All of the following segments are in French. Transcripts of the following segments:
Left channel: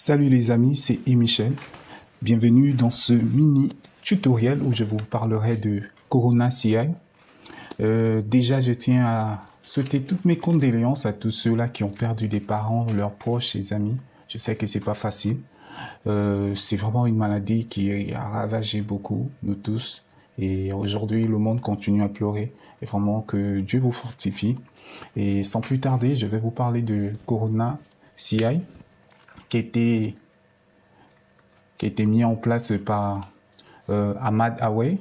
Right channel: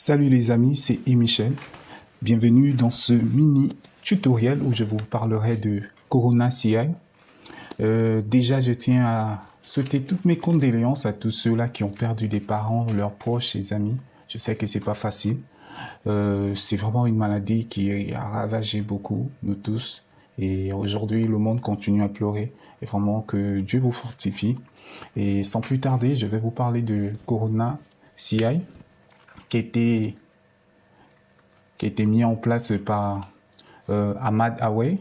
Salut les amis, c'est Michel. Bienvenue dans ce mini tutoriel où je vous parlerai de Corona CI. Déjà, je tiens à souhaiter toutes mes condoléances à tous ceux-là qui ont perdu des parents, leurs proches, et amis. Je sais que c'est pas facile. C'est vraiment une maladie qui a ravagé beaucoup, nous tous. Et aujourd'hui, le monde continue à pleurer. Et vraiment que Dieu vous fortifie. Et sans plus tarder, je vais vous parler de Corona CI qui a été mis en place par Ahmad Away.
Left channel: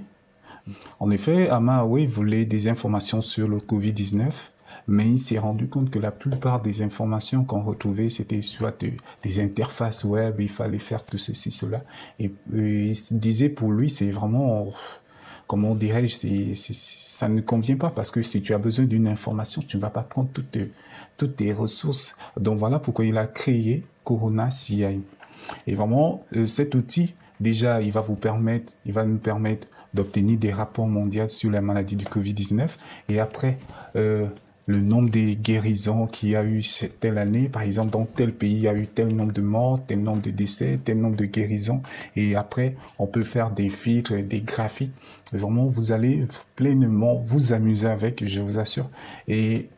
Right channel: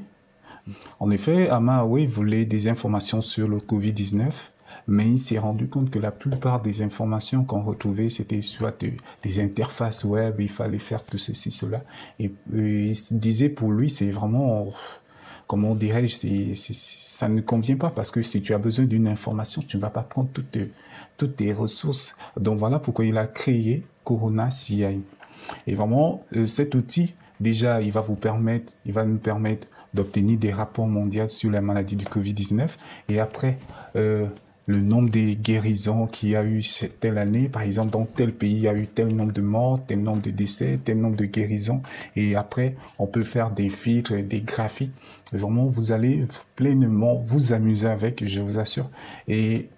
En effet, Ahmad Away voulait des informations sur le Covid-19, mais il s'est rendu compte que la plupart des informations qu'on retrouvait, c'était soit des interfaces web, il fallait faire tout ceci, cela. Et il se disait pour lui, c'est vraiment, comment dirais-je, ça ne convient pas parce que si tu as besoin d'une information, tu ne vas pas prendre toutes tes ressources. Donc voilà pourquoi il a créé Corona CI. Et vraiment, cet outil, déjà, il va nous permettre d'obtenir des rapports mondiaux sur la maladie du Covid-19. Et après, le nombre de guérisons qu'il y a eu telle année, par exemple, dans tel pays, il y a eu tel nombre de morts, tel nombre de décès, tel nombre de guérisons. Et après, on peut faire des filtres, des graphiques. Et vraiment, vous allez pleinement vous amuser avec, je vous assure. Et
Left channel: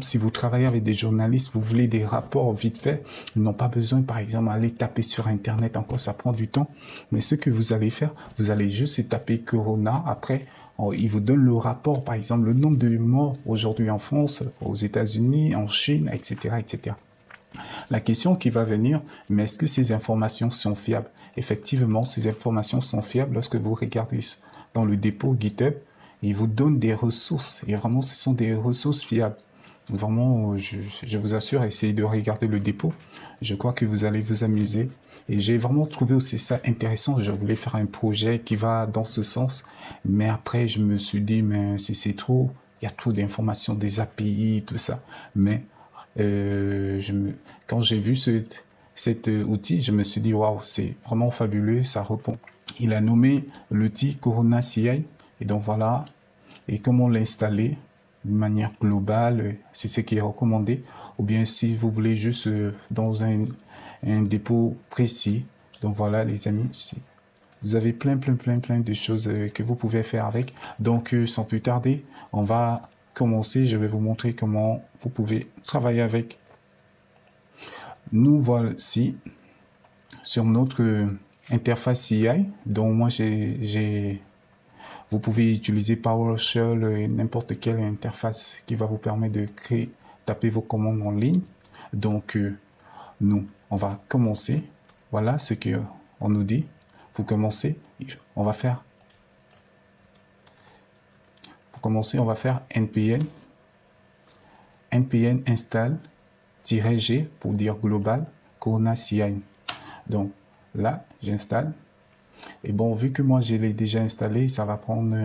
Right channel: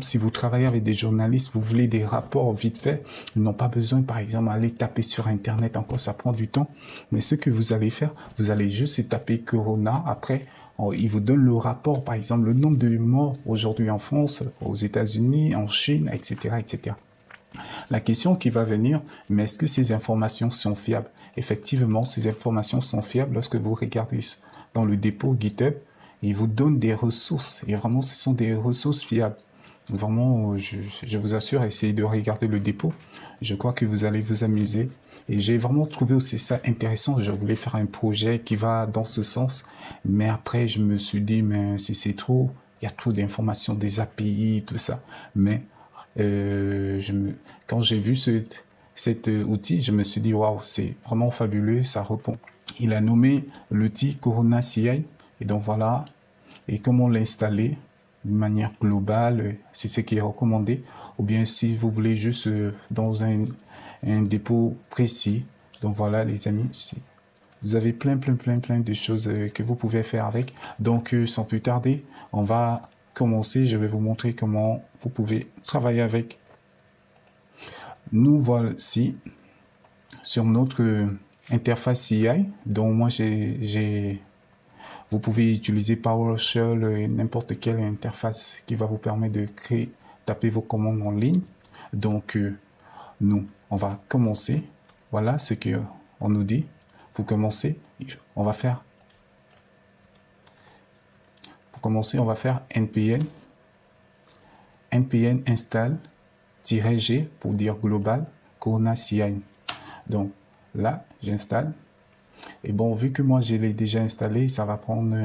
si vous travaillez avec des journalistes, vous voulez des rapports vite fait, ils n'ont pas besoin, par exemple, d'aller taper sur Internet. Encore, ça prend du temps. Mais ce que vous allez faire, vous allez juste taper Corona. Après, il vous donne le rapport, par exemple, le nombre de morts aujourd'hui en France, aux États-Unis, en Chine, etc., etc. La question qui va venir, mais est-ce que ces informations sont fiables? Effectivement, ces informations sont fiables lorsque vous regardez dans le dépôt GitHub. Il vous donne des ressources. Et vraiment, ce sont des ressources fiables. Vraiment, je vous assure, essayez de regarder le dépôt. Je crois que vous allez vous amuser. Et j'ai vraiment trouvé aussi ça intéressant. Je voulais faire un projet qui va dans ce sens. Mais après, je me suis dit, mais c'est trop. Il y a trop d'informations, des API, tout ça. Mais quand j'ai vu cet outil, je me suis dit, waouh, c'est vraiment fabuleux. Ça répond. Il a nommé l'outil Corona CI. Et donc voilà. Et comment l'installer? De manière globale, c'est ce qui est recommandé. Ou bien si vous voulez juste dans un dépôt précis. Donc voilà les amis, vous avez plein de choses que vous pouvez faire avec. Donc sans plus tarder, on va commencer. Je vais vous montrer comment vous pouvez travailler avec. Nous voici sur notre interface CI. Donc moi vous pouvez utiliser PowerShell, n'importe quelle interface qui va vous permettre de créer, taper vos commandes en ligne. Donc, nous, on va commencer. Voilà ce qu'on nous dit. Pour commencer, on va faire npm install-g pour dire global Corona CI. Donc là, j'installe. Et bon, vu que moi je l'ai déjà installé, ça va prendre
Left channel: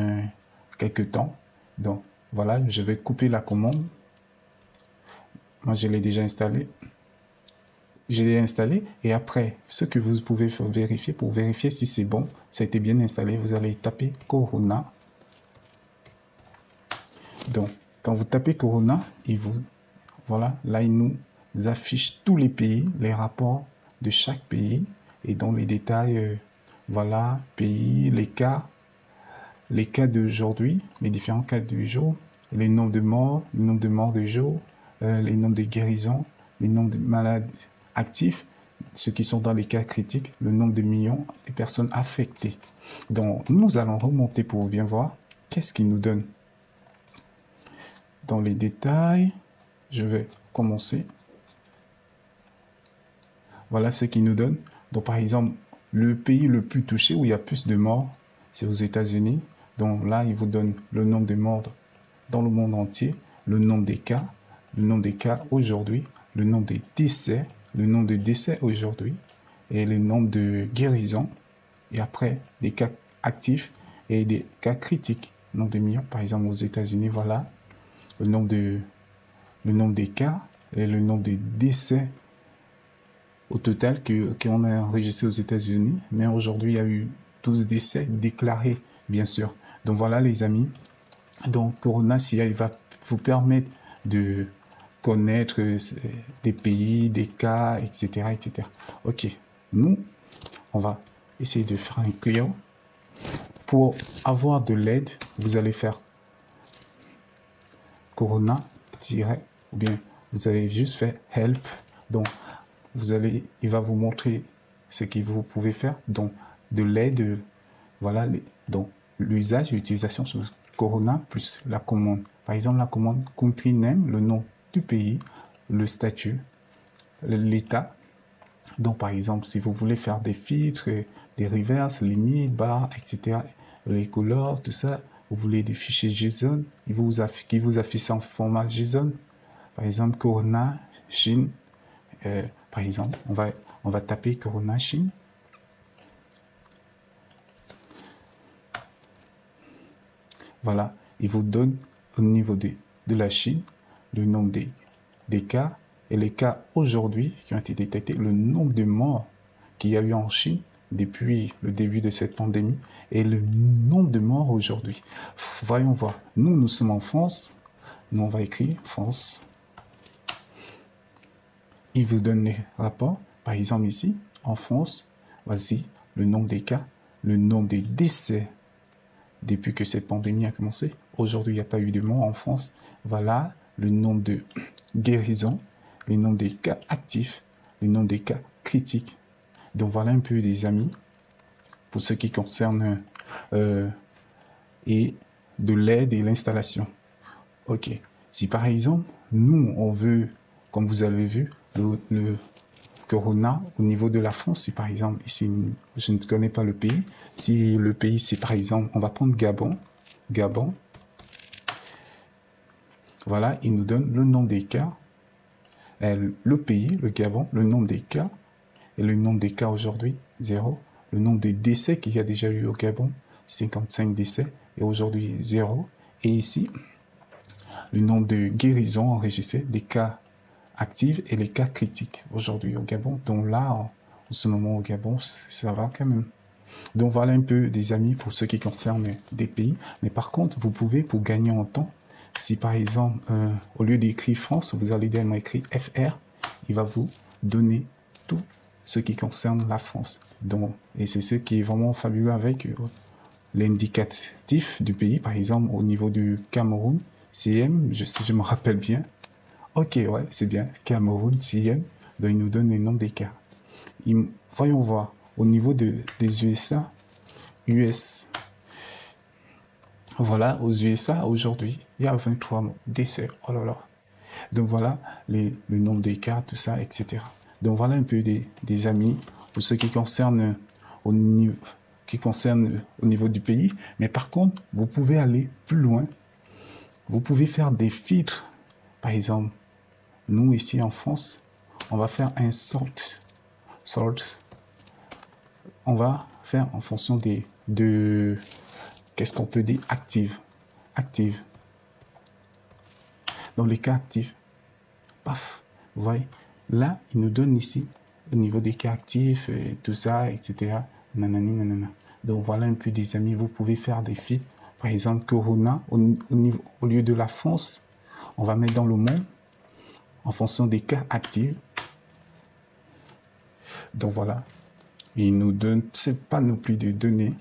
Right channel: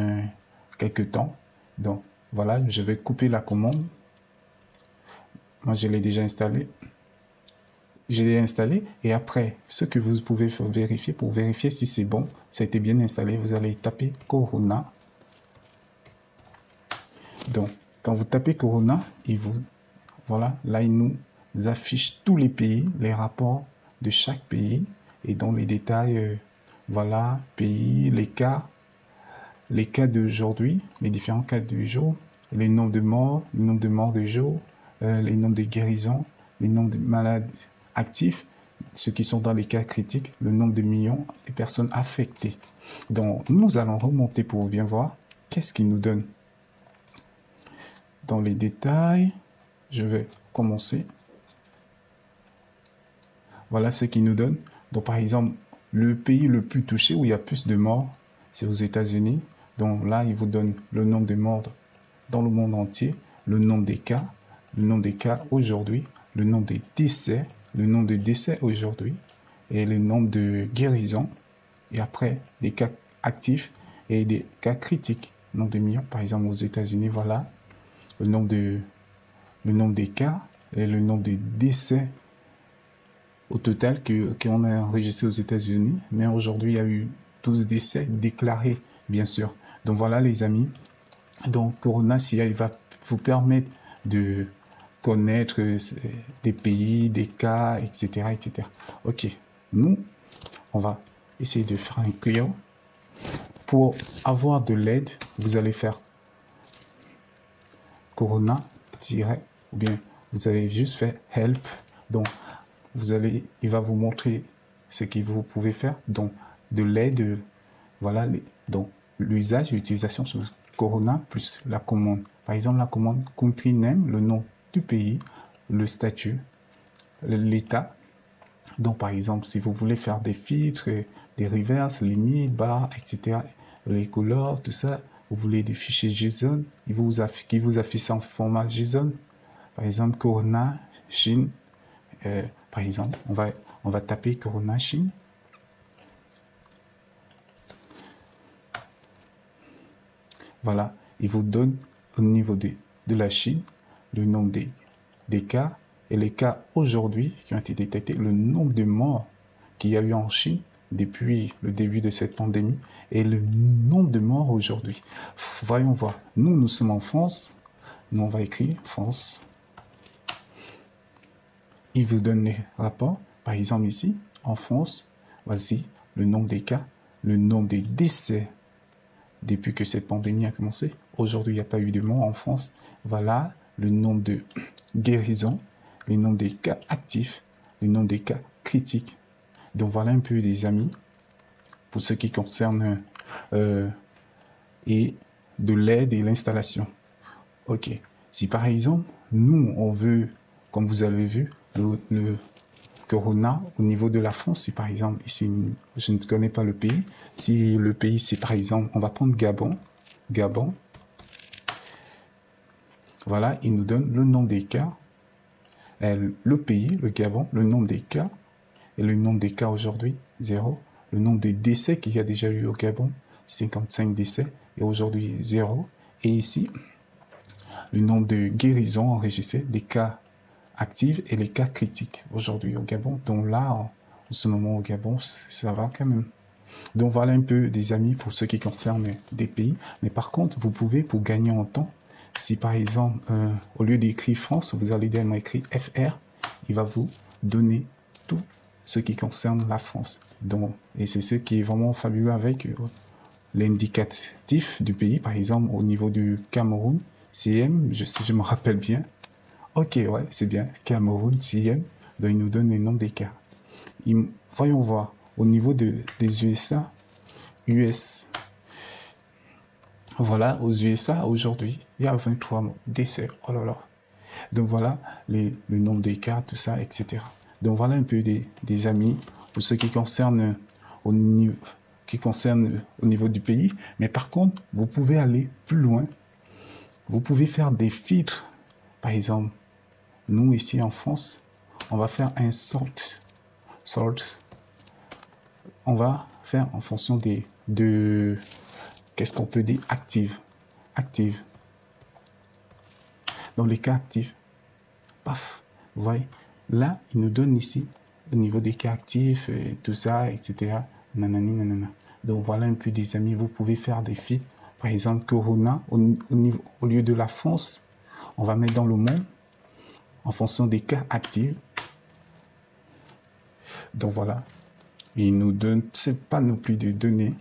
quelques temps. Donc voilà, je vais couper la commande. Moi je l'ai déjà installé. Je l'ai installé et après, ce que vous pouvez vérifier, pour vérifier si c'est bon, ça a été bien installé, vous allez taper Corona. Donc, quand vous tapez Corona, voilà, là il nous affiche tous les pays, les rapports de chaque pays et dans les détails. Voilà, pays, les cas d'aujourd'hui, les différents cas de jour, les nombres de morts, le nombre de morts de jour, les nombres de guérisons, les nombres de malades actifs, ceux qui sont dans les cas critiques, le nombre de millions de personnes affectées. Donc, nous allons remonter pour bien voir qu'est-ce qu'il nous donne. Dans les détails, je vais commencer. Voilà ce qu'il nous donne. Donc, par exemple, le pays le plus touché où il y a plus de morts, c'est aux États-Unis. Donc là, il vous donne le nombre de morts dans le monde entier, le nombre des cas aujourd'hui, le nombre de décès aujourd'hui, et le nombre de guérisons. Et après, des cas actifs et des cas critiques. Le nombre de millions, par exemple, aux États-Unis, voilà. Le nombre des cas et le nombre de décès au total qu'on a enregistré aux États-Unis, mais aujourd'hui il y a eu 12 décès déclarés, bien sûr. Donc voilà les amis, donc Corona CI va vous permettre de connaître des pays, des cas, etc., etc. Ok, nous, on va essayer de faire un client. Pour avoir de l'aide, vous allez faire Corona, ou bien vous allez juste faire help. Donc, il va vous montrer ce que vous pouvez faire. Donc, de l'aide, voilà, donc l'usage et l'utilisation sur Corona plus la commande. Par exemple, la commande country name, le nom du pays, le statut, l'état. Donc, par exemple, si vous voulez faire des filtres, des reverses, limites, barres, etc., les couleurs, tout ça, vous voulez des fichiers JSON, qui vous affichent en format JSON. Par exemple, Corona, Chine. Par exemple, on va taper Corona, Chine. Voilà, il vous donne au niveau de la Chine le nombre des cas et les cas aujourd'hui qui ont été détectés, le nombre de morts qu'il y a eu en Chine depuis le début de cette pandémie et le nombre de morts aujourd'hui. Voyons voir. Nous sommes en France. Nous, on va écrire France. Il vous donne les rapports. Par exemple, ici, en France, voici le nombre des cas, le nombre des décès depuis que cette pandémie a commencé. Aujourd'hui, il n'y a pas eu de morts en France. Voilà le nombre de guérisons, le nombre des cas actifs, le nombre des cas critiques. Donc voilà un peu des amis, pour ce qui concerne et de l'aide et l'installation. Ok, si par exemple, nous, on veut, comme vous avez vu, le Corona au niveau de la France, c'est par exemple, si je ne connais pas le pays, si le pays c'est par exemple, on va prendre Gabon, voilà, il nous donne le nombre des cas, le pays, le Gabon, le nombre des cas, et le nombre des cas aujourd'hui, 0, le nombre des décès qu'il y a déjà eu au Gabon, 55 décès, et aujourd'hui 0, et ici, le nombre de guérisons enregistrées, des cas actifs et les cas critiques aujourd'hui au Gabon. Donc là, en ce moment au Gabon, ça va quand même. Donc voilà un peu des amis pour ce qui concerne des pays. Mais par contre, vous pouvez, pour gagner en temps, si par exemple, au lieu d'écrire France, vous allez bien écrire FR, il va vous donner tout ce qui concerne la France. Donc, et c'est ce qui est vraiment fabuleux avec l'indicatif du pays. Par exemple, au niveau du Cameroun, CM, si je me rappelle bien. Ok, ouais, c'est bien. Cameroun, CM, ben, il nous donne le nom des cas. Voyons voir. Au niveau des USA, US. Voilà, aux USA, aujourd'hui, il y a 23 décès. Oh là là. Donc voilà, le nombre des cas, tout ça, etc. Donc voilà un peu des amis pour ce qui concerne au niveau du pays. Mais par contre, vous pouvez aller plus loin. Vous pouvez faire des filtres. Par exemple, nous ici en France, on va faire un sort. On va faire en fonction qu'est-ce qu'on peut dire, active. Dans les cas actifs, vous voyez, là, il nous donne ici, au niveau des cas actifs, et tout ça, etc. Nanani, nanana. Donc voilà un peu des amis, vous pouvez faire des filtres. Par exemple, Corona, au lieu de la France, on va mettre dans le monde, en fonction des cas actifs. Donc voilà. Il nous donne pas non plus de données.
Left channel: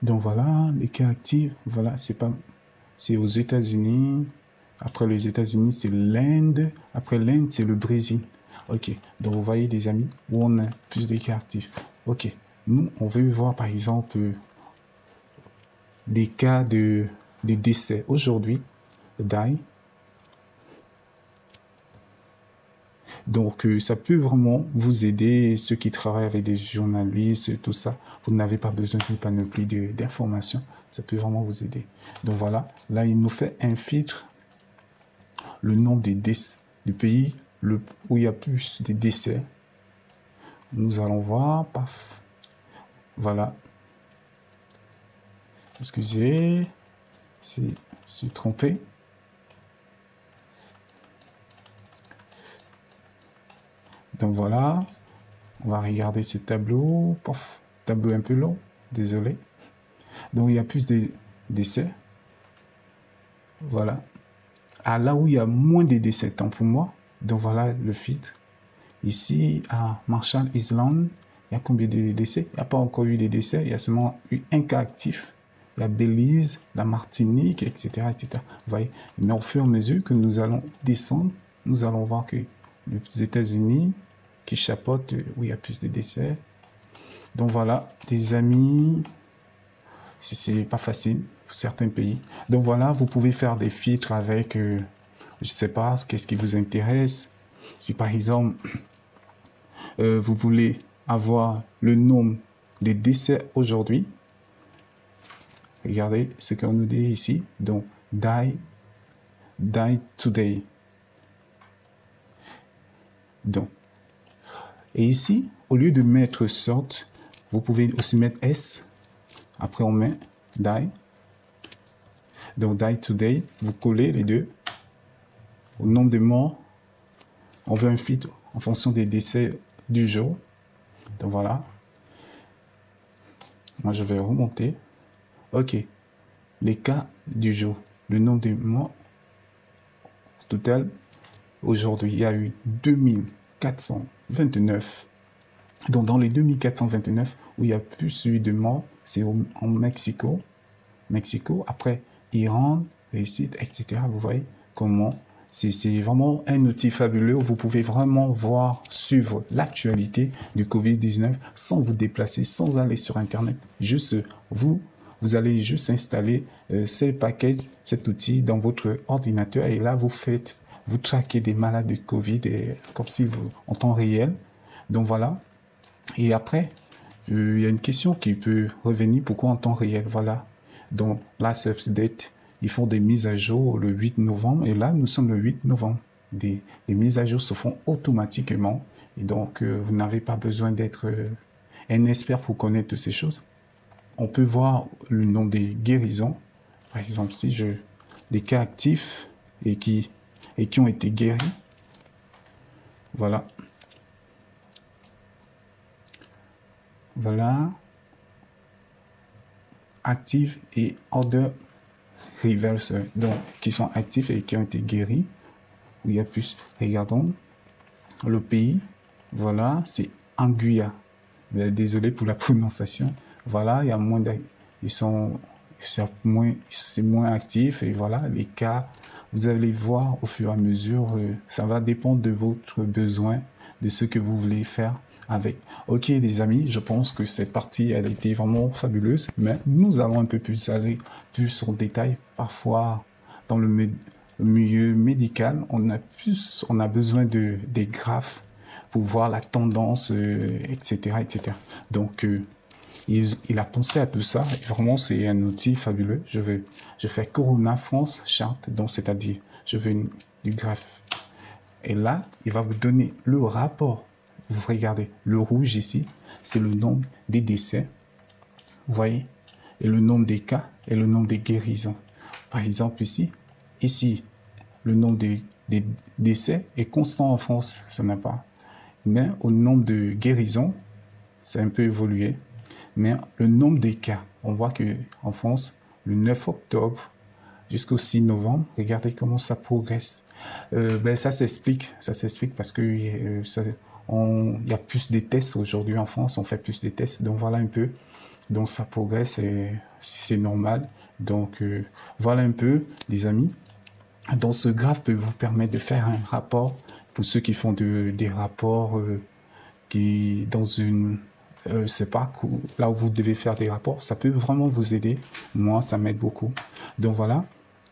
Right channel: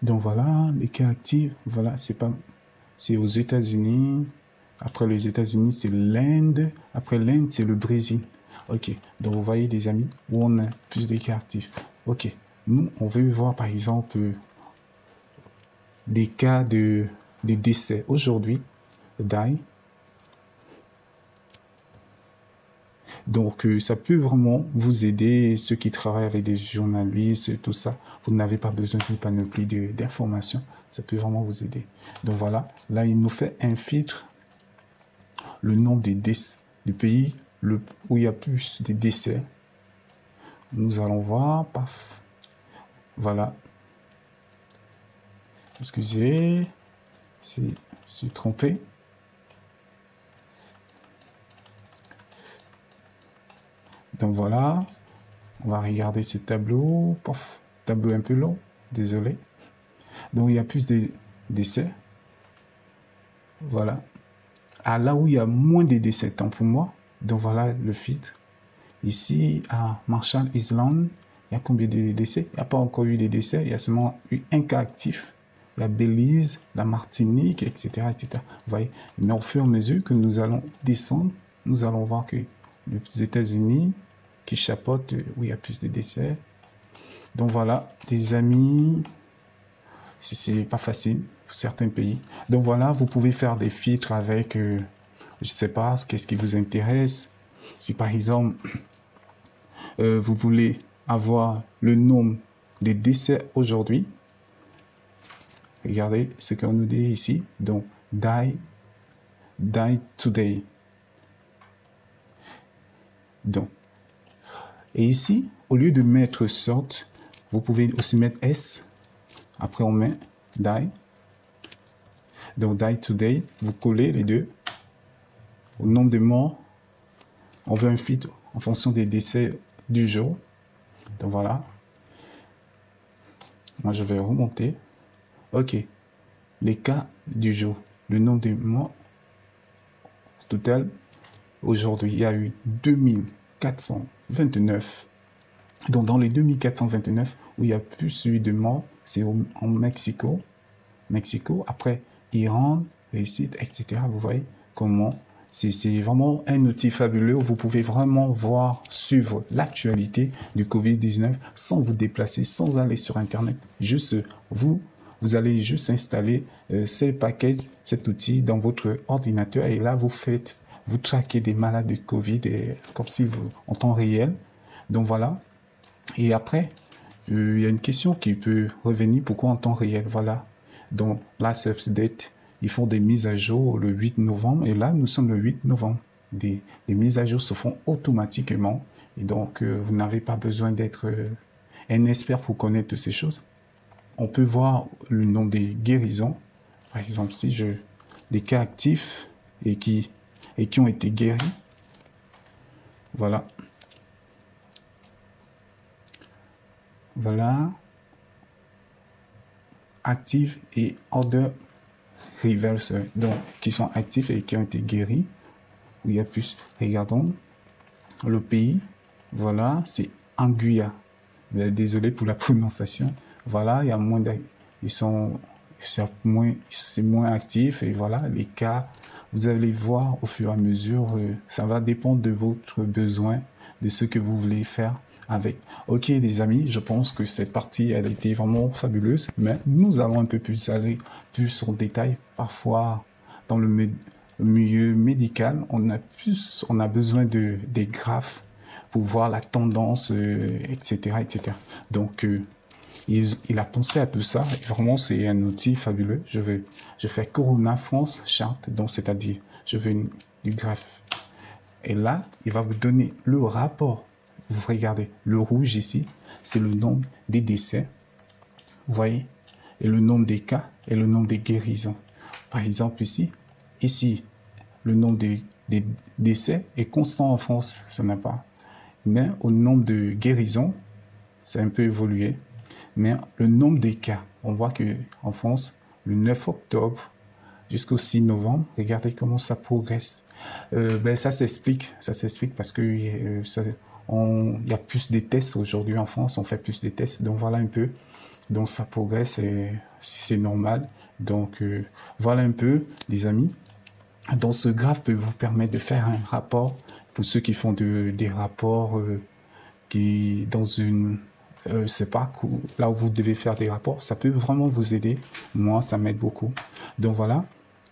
Donc voilà, les cas actifs, voilà, c'est aux États-Unis. Après les États-Unis, c'est l'Inde. Après l'Inde, c'est le Brésil. Ok, donc vous voyez les amis, on a plus de cas actifs. Ok, on veut voir par exemple des cas de décès aujourd'hui. Donc, ça peut vraiment vous aider, ceux qui travaillent avec des journalistes, tout ça. Vous n'avez pas besoin d'une panoplie d'informations. Ça peut vraiment vous aider. Donc voilà, là, il nous fait un filtre, le nom des décès du pays où il y a plus de décès. Nous allons voir. Voilà. Excusez, je suis trompé. Donc voilà, on va regarder ce tableau. Tableau un peu long, désolé. Donc il y a plus de décès. Voilà. À là où il y a moins de décès, là. Donc voilà le filtre. Ici, à Marshall Island, il y a combien de décès? Il n'y a pas encore eu de décès. Il y a seulement eu un cas actif. La Belize, la Martinique, etc., etc. Vous voyez, au fur et à mesure que nous allons descendre, nous allons voir que les États-Unis qui chapeautent où il y a plus de décès. Donc voilà, des amis, c'est pas facile pour certains pays. Donc voilà, vous pouvez faire des filtres avec, je sais pas, qu'est-ce qui vous intéresse. Si par exemple, vous voulez avoir le nombre de décès aujourd'hui, regardez ce qu'on nous dit ici. Donc, die today. Donc, et ici, au lieu de mettre sort, vous pouvez aussi mettre S. Après, on met die. Donc, die today, vous collez les deux. Le nombre de morts, on veut un filtre en fonction des décès du jour. Donc, voilà. Moi, je vais remonter. OK. Les cas du jour. Le nombre de morts total. Aujourd'hui, il y a eu 2429. Donc, dans les 2429, où il y a plus eu de morts, c'est en Mexico. Après, Iran, etc. Vous voyez comment c'est vraiment un outil fabuleux. Vous pouvez vraiment voir, suivre l'actualité du Covid-19 sans vous déplacer, sans aller sur Internet. Juste, vous allez juste installer ces packages, cet outil dans votre ordinateur et là, vous traquez des malades de Covid comme si vous, en temps réel. Donc voilà. Et après, il y a une question qui peut revenir. Pourquoi en temps réel? Voilà. Donc, la Update, ils font des mises à jour le 8 novembre. Et là, nous sommes le 8 novembre. Les mises à jour se font automatiquement. Et donc, vous n'avez pas besoin d'être un expert pour connaître toutes ces choses. On peut voir le nombre des guérisons. Par exemple, si des cas actifs et qui ont été guéris. Voilà. Voilà. Actifs et order reverse. Donc, qui sont actifs et qui ont été guéris. Il y a plus. Regardons le pays. Voilà, c'est Anguilla. Désolé pour la prononciation. Voilà, il y a moins c'est moins actif et voilà, les cas, vous allez voir au fur et à mesure, ça va dépendre de votre besoin, de ce que vous voulez faire avec. Ok les amis, je pense que cette partie, elle a été vraiment fabuleuse, mais nous allons un peu plus aller plus en détail. Parfois, dans le milieu médical, on a besoin des graphes pour voir la tendance, etc., etc. Donc, il a pensé à tout ça. Vraiment, c'est un outil fabuleux. Je fais Corona France chart. Donc, c'est-à-dire, je veux une graphe. Et là, il va vous donner le rapport. Regardez, le rouge ici, c'est le nombre des décès. Vous voyez? Et le nombre des cas et le nombre des guérisons. Par exemple, ici, le nombre des décès est constant en France. Ça n'a pas. Mais au nombre de guérisons, c'est un peu évolué. Mais le nombre de cas, on voit que en France, le 9 octobre jusqu'au 6 novembre, regardez comment ça progresse. Ça s'explique parce que il y a plus de tests aujourd'hui en France, on fait plus de tests, donc voilà un peu. Donc ça progresse et c'est normal. Donc voilà un peu, les amis. Donc ce graphe peut vous permettre de faire un rapport pour ceux qui font des rapports qui dans une c'est pas là où vous devez faire des rapports, ça peut vraiment vous aider. Moi, ça m'aide beaucoup. Donc voilà,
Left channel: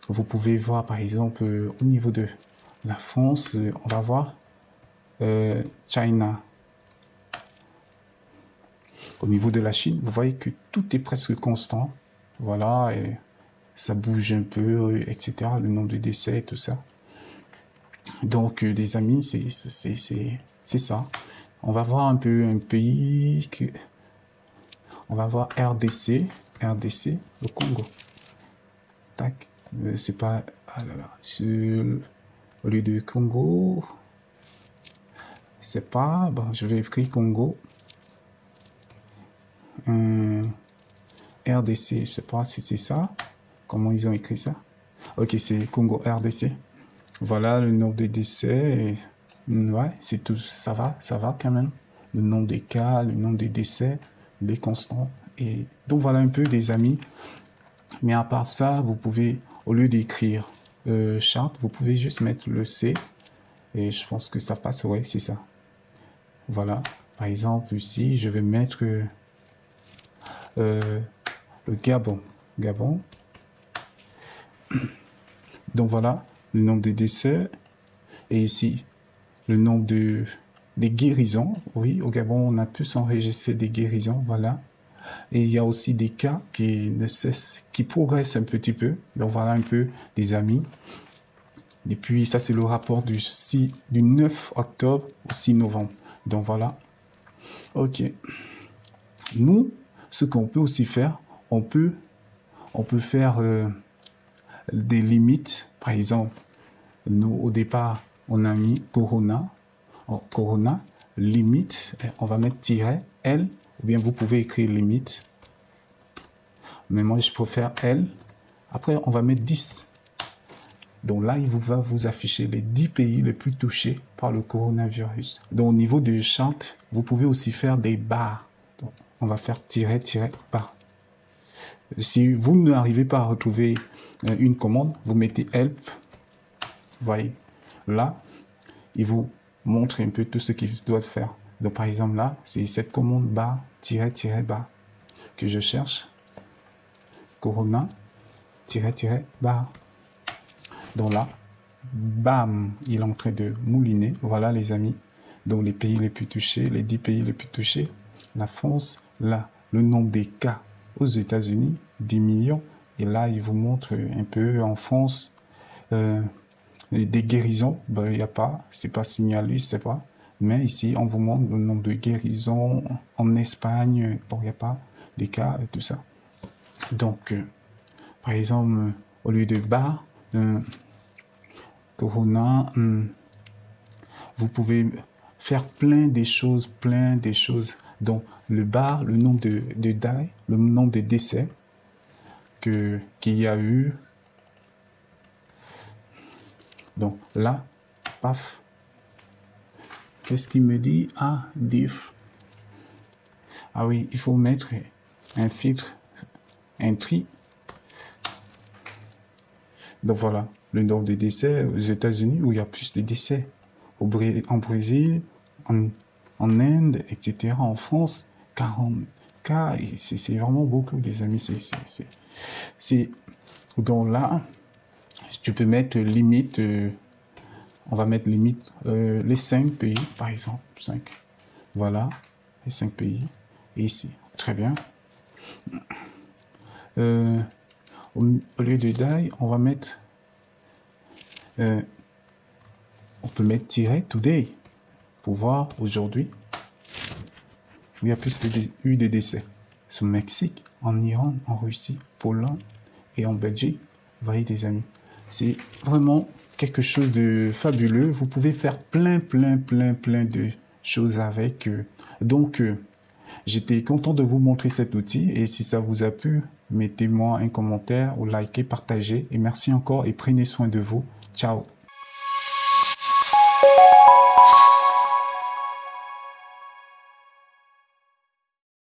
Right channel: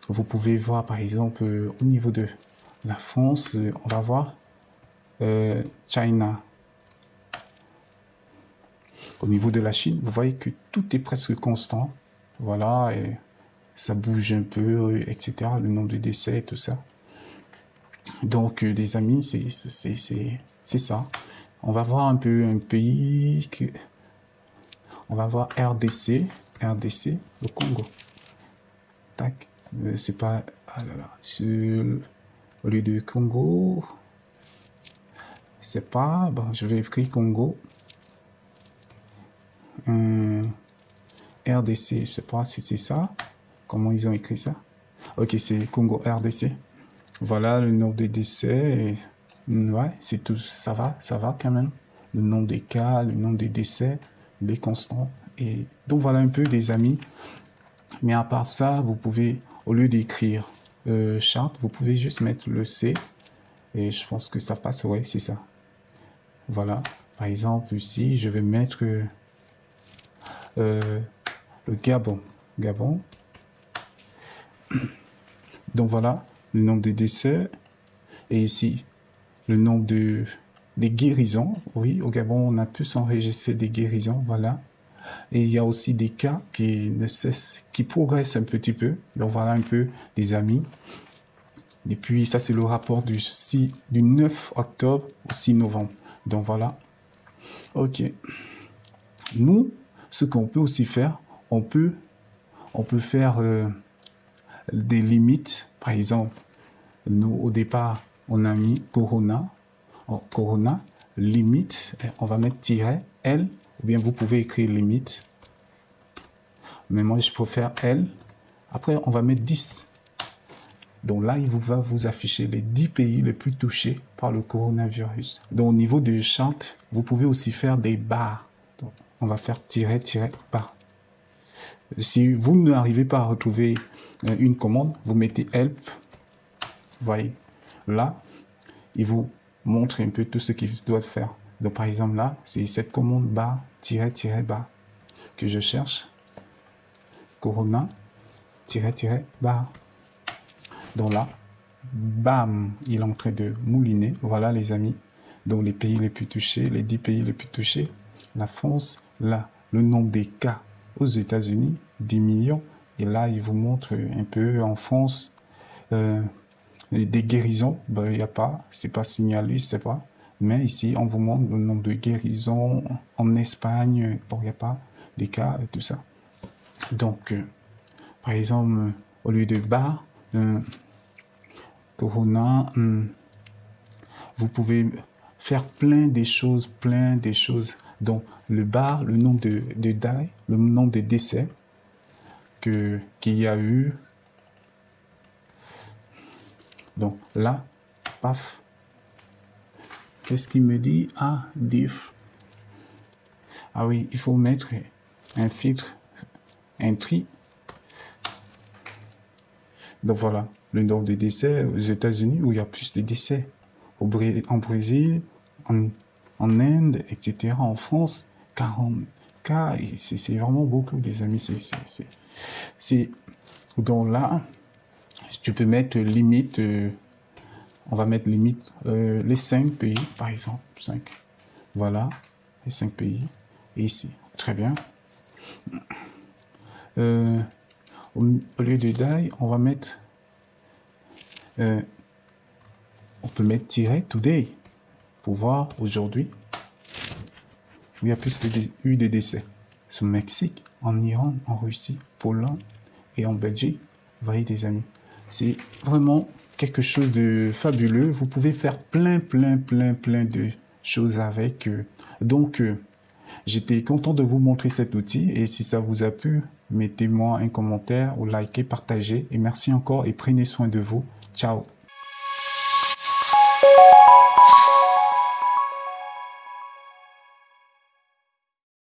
vous pouvez voir par exemple au niveau de la France, on va voir China. Au niveau de la Chine, vous voyez que tout est presque constant. Voilà, et ça bouge un peu, etc. Le nombre de décès et tout ça. Donc, les amis, c'est ça. On va voir un peu un pays que... On va voir RDC, le Congo. Tac, c'est pas... Ah là là, au lieu de Congo, c'est pas... Bon, je vais écrire Congo. RDC, je sais pas si c'est ça. Comment ils ont écrit ça? Ok, c'est Congo RDC. Voilà le nombre des décès. Ouais, c'est tout. Ça va quand même. Le nombre des cas, le nombre des décès, les constants. Et donc voilà un peu des amis. Mais à part ça, vous pouvez, au lieu d'écrire charte, vous pouvez juste mettre le C. Et je pense que ça passe, ouais, c'est ça. Voilà. Par exemple, ici, je vais mettre le Gabon. Gabon. Donc voilà, le nombre de décès. Et ici, le nombre des guérisons. Oui, au Gabon, on a pu s'enregistrer des guérisons, voilà. Et il y a aussi des cas qui ne cessent, qui progressent un petit peu. Donc voilà un peu des amis. Et puis ça, c'est le rapport du 9 octobre au 6 novembre. Donc voilà. Ok. Nous, ce qu'on peut aussi faire, on peut faire des limites. Par exemple, nous, au départ, on a mis Corona. Corona, limite, on va mettre tiret, L. Eh bien, vous pouvez écrire limite. Mais moi, je préfère L. Après, on va mettre 10. Donc là, il va vous afficher les 10 pays les plus touchés par le coronavirus. Donc au niveau de charte, vous pouvez aussi faire des barres. Donc, on va faire tiret, barre. Si vous n'arrivez pas à retrouver une commande, vous mettez help. Vous voyez, là, il vous montre un peu tout ce qu'il doit faire. Donc par exemple là, c'est cette commande barre, tiret, barre que je cherche. Corona, tiret, barre. Donc là, bam, il est en train de mouliner. Voilà les amis. Donc les pays les plus touchés, les 10 pays les plus touchés. La France, là, le nombre des cas aux États-Unis, 10 millions. Et là, il vous montre un peu en France des guérisons. Ben, il n'y a pas, c'est pas signalé, je sais pas. Mais ici, on vous montre le nombre de guérisons en Espagne. Bon, il n'y a pas des cas, tout ça. Donc, par exemple, au lieu de barre, Corona, vous pouvez faire plein des choses. Donc, le bar, le nombre de die, le nombre de décès qu'il y a eu. Donc, là, paf. Qu'est-ce qu'il me dit? Ah, diff. Ah oui, il faut mettre un filtre, un tri. Donc voilà, le nombre de décès aux États-Unis où il y a plus de décès. En Brésil, en Inde, etc. En France, 40 cas, c'est vraiment beaucoup, des amis. Donc là, tu peux mettre limite, on va mettre limite les 5 pays, par exemple. 5. Voilà, les 5 pays. Et ici, très bien. Au lieu du die, on va mettre on peut mettre today pour voir aujourd'hui il y a plus de décès. C'est au Mexique, en Iran, en Russie, Pologne et en Belgique. Vous voyez des amis, c'est vraiment quelque chose de fabuleux. Vous pouvez faire plein de choses avec. Donc j'étais content de vous montrer cet outil et si ça vous a plu, mettez-moi un commentaire ou likez, partagez et merci encore et prenez soin de vous. Ciao.